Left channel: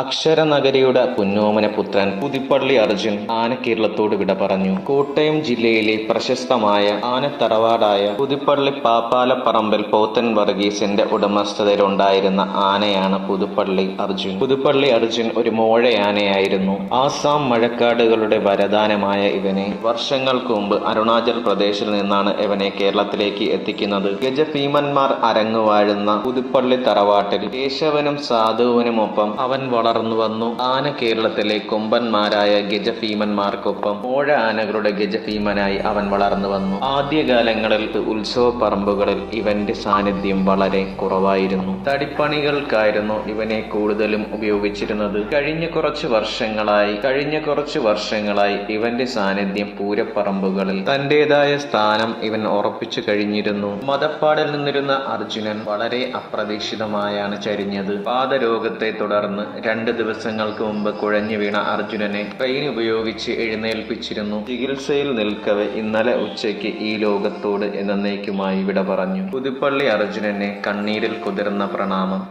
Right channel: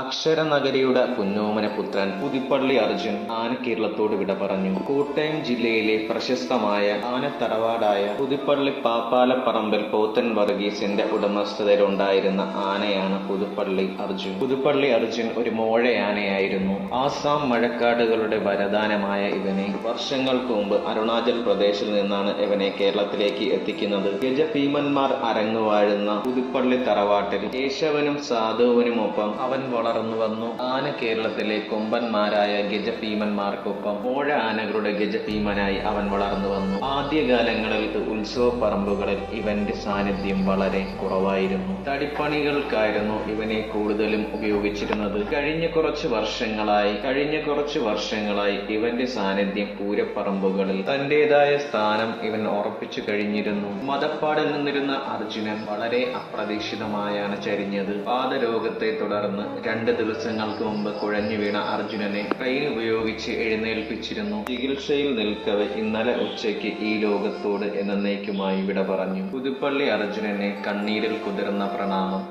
അക്ഷരനഗരിയുടെ പുന്നോമന പുത്രൻ പുതുപ്പള്ളി അർജുൻ ആനക്കേരളത്തോട് വിട പറഞ്ഞു. കോട്ടയം ജില്ലയിലെ പ്രശസ്തമായ ആനത്തറവാടായ പുതുപ്പള്ളി പാപ്പാലപ്പറമ്പിൽ പോത്തൻ വർഗീസിന്റെ ഉടമസ്ഥതയിലുണ്ടായിരുന്ന ആനയാണ് പുതുപ്പള്ളി അർജുൻ. പുതുപ്പള്ളി അർജുൻ ഒരു മോഴയാനയായിരുന്നു. ആസാം മഴക്കാടുകളുടെ വരദാനമായ ഇവനെ വർഷങ്ങൾക്ക് മുമ്പ് അരുണാചൽ പ്രദേശിൽ നിന്നാണ് ഇവനെ കേരളത്തിലേക്ക് എത്തിക്കുന്നത്. ഗജഭീമന്മാർ അരങ്ങുവാഴുന്ന പുതുപ്പള്ളി തറവാട്ടിൽ കേശവനും സാധുവിനുമൊപ്പം അവൻ വളർന്നു വന്നു. ആന കേരളത്തിലെ കൊമ്പന്മാരായ ഗജഭീമന്മാർക്കൊപ്പം മോഴ ആനകളുടെ ഗജഭീമനായി അവൻ വളർന്നു വന്നു. ആദ്യകാലങ്ങളിൽ ഉത്സവ പറമ്പുകളിൽ ഇവന്റെ സാന്നിധ്യം വളരെ കുറവായിരുന്നു. തടിപ്പണികൾക്കായിരുന്നു ഇവനെ കൂടുതലും ഉപയോഗിച്ചിരുന്നത്. കഴിഞ്ഞ കുറച്ച് വർഷങ്ങളായി ഇവന്റെ സാന്നിധ്യം പൂരപ്പറമ്പുകളിൽ തന്റേതായ സ്ഥാനം ഇവൻ ഉറപ്പിച്ചു കഴിഞ്ഞിരുന്നു. മതപ്പാടിൽ നിന്നിരുന്ന അർജുനൻ വളരെ അപ്രതീക്ഷിതമായാണ് ചരിഞ്ഞത്. പാദരോഗത്തെ തുടർന്ന് 2 ദിവസങ്ങൾക്ക് മുമ്പ് കുഴഞ്ഞു വീണ അർജുനനെ ട്രെയിൻ ഉപയോഗിച്ച് എഴുന്നേൽപ്പിച്ചിരുന്നു. ചികിത്സയിൽ നിൽക്കവെ ഇന്നലെ ഉച്ചയ്ക്ക് ഈ ലോകത്തോട് എന്നേക്കുമായി വിട പറഞ്ഞു. പുതുപ്പള്ളി അർജുനനെ കണ്ണീരിൽ കുതിർന്ന പ്രണാമം.